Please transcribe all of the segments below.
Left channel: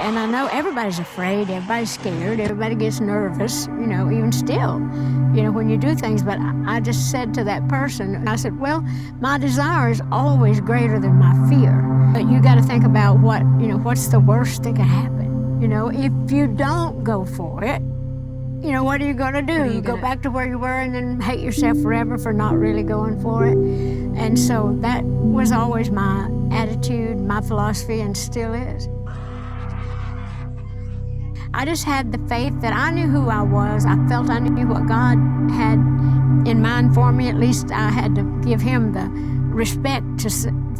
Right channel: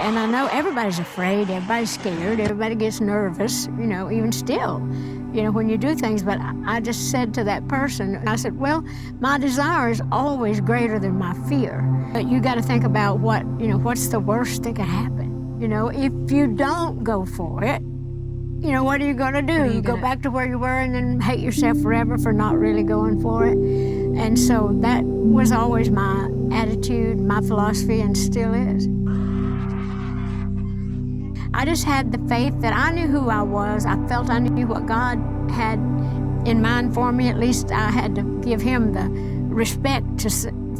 And I know everybody's afraid, everybody's scared, everybody gets nervous, even still, when you do things. But I just said to that person, I said, well, my desire is always greater than my fear. But you got to think about what's the worst that could happen? If you don't go for it, what are you going to do? You go back to where you were and then hate yourself forever for not really going for it. And so that was always my attitude, my philosophy, and still is. I just had the faith that I knew who I was. I felt I knew what God had in mind for me. At least I had to give him the respect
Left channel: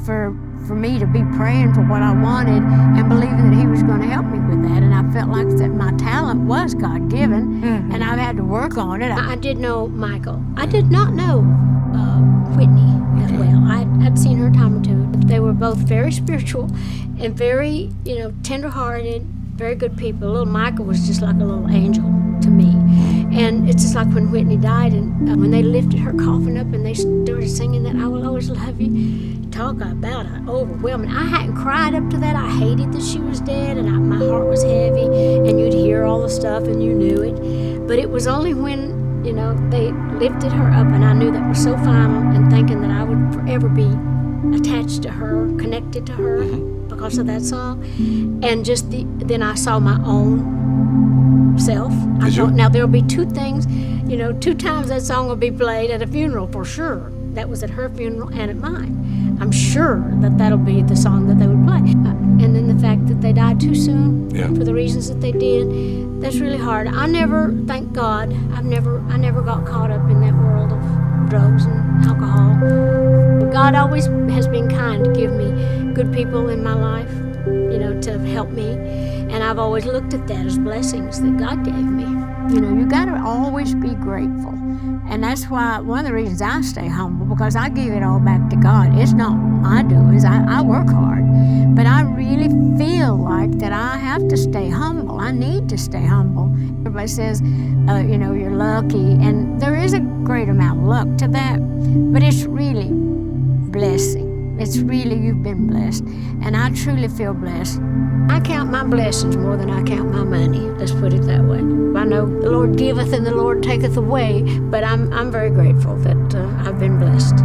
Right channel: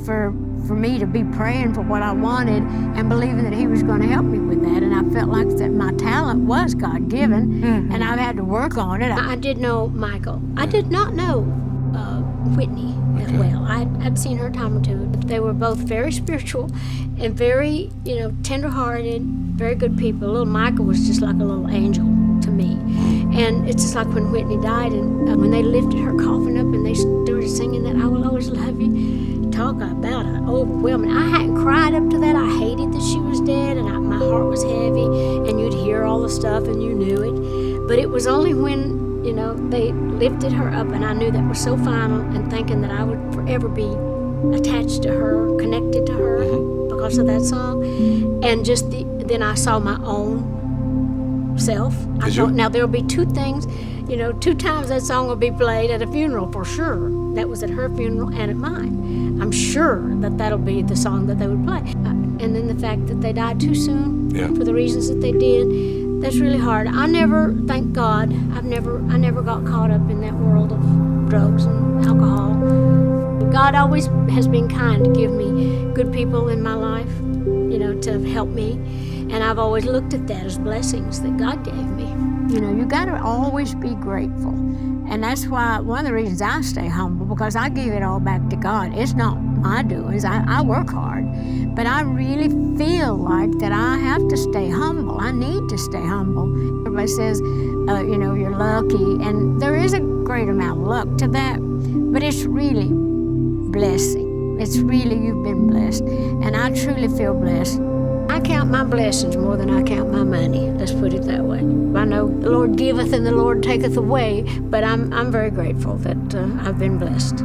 for me to be praying for what I wanted and believing that he was going to help me with that. And I felt like that my talent was God-given, and I had to work on it. I did know Michael. I did not know Whitney that well. I'd seen her a time or two. They were both very spiritual and very, tender-hearted, very good people. Little Michael was just like a little angel to me. And it's just like when Whitney died, and when they lifted her coffin up and they started singing that, I Will Always Love You. Talk about it, overwhelming. I hadn't cried up to that. I hated that she was dead, and my heart was heavy, and you'd hear all the stuff, and you knew it. But it was only when, they lifted her up, and I knew that was so final, and thinking that I would forever be attached to her, connected to her because of that song. And then I saw my own self. I thought, now there'll be two things, 2 times that song will be played at a funeral for sure. That was at her funeral and at mine. I'm sure that that'll be the song that they would play. And then the fact that they died too soon for the reasons that they did, that's really hard. I never, thank God, I never got caught up in that world of drugs and alcohol. God always has been kind to give me good people in my life, to help me. And I've always looked at that as blessings that God gave me. You got to always be grateful. And that's why one of the reasons I stay humble, because I give it all back to God. It's not my doings. I work hard. But I really feel like that I have to stay humble. I need to stay humble. Everybody says, you're lucky. And there is a great amount of luck to that. But it's really blessing. It's really, you've been blessed. And I truly feel blessed. I count my blessings more than I count my money. Let's put it that way. I know the Lord giveth and the Lord taketh away, but I'm very grateful that I've been blessed.